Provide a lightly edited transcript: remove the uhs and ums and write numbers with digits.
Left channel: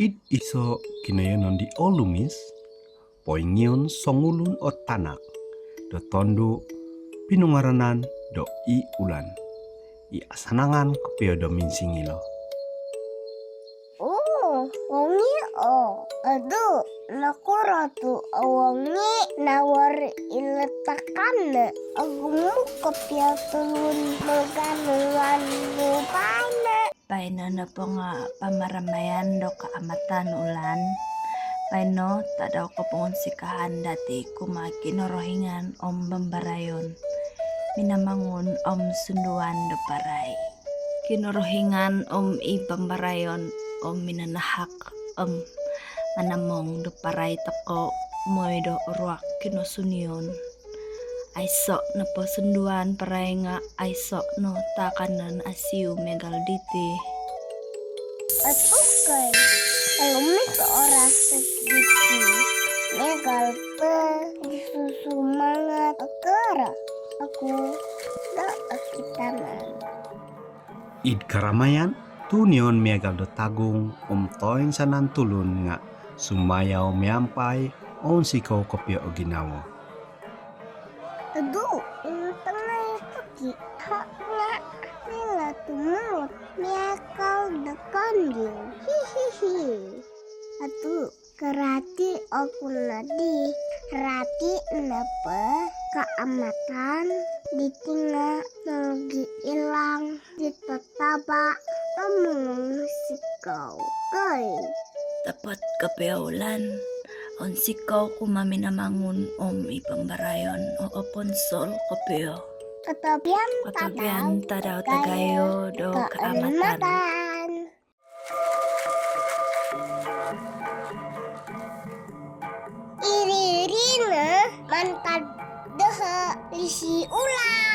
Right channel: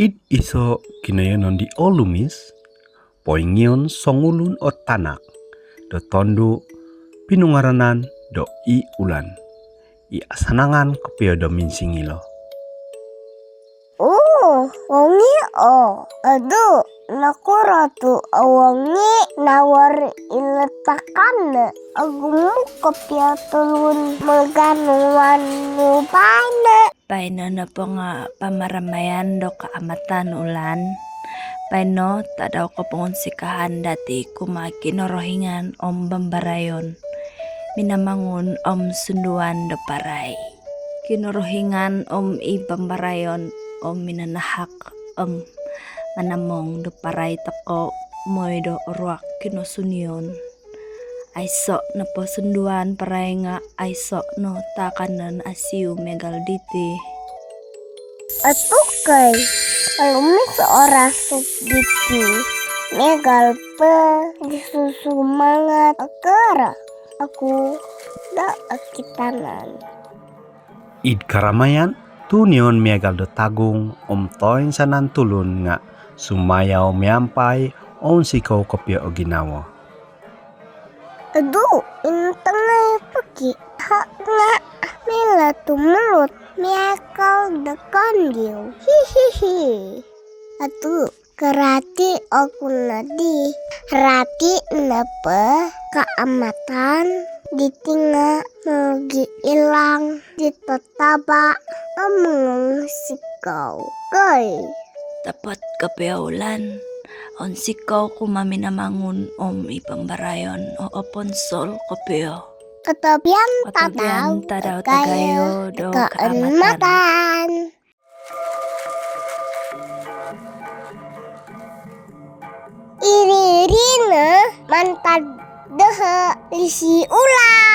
It iso kinayonon di olumis, poingion songulun o tanak, do tondo pinungaranan do i ulan. I asanangan kepio do minsingilo. Wangi aduh, naku ratu wangi nawar iletakan agumu kepia tulun maganuan lupane. Paino na po nga pamaramayan do kaamatan ulan. Paino tadaw ko pong sikahan dati kumakinorohingan om bambarayon. Minamangun om sunduan do paray. Kinorohingan om ibambarayon om minanahak om manamong do paray tako moy do ruak kinosunion. Aiso na po sunduan paray nga aiso no takanan asiu megalditi. Atukay, alumni seorang subditi megal pe disusumangat akara. Aku dak akitanan. Id karamayan tunion megal do tagung om toin sanan tulun nga sumayaw miampai on sikaw kopya o ginawa. Aduh, ini tengah pergi. Hak nga mela tumulut miakal dekandil. Hihihi. Aduh, kerati aku nadi. Rati napa keamatan ditinggal lagi hilang di tetaba mengungsi kau. Dapat kapeulan. On sikaw kumaminamangun om ipambarayon o oponsol kopeo. Katabian Tadaw tagayo do kaamatan. keamatan. Iririna mantad dehe lisi ulang.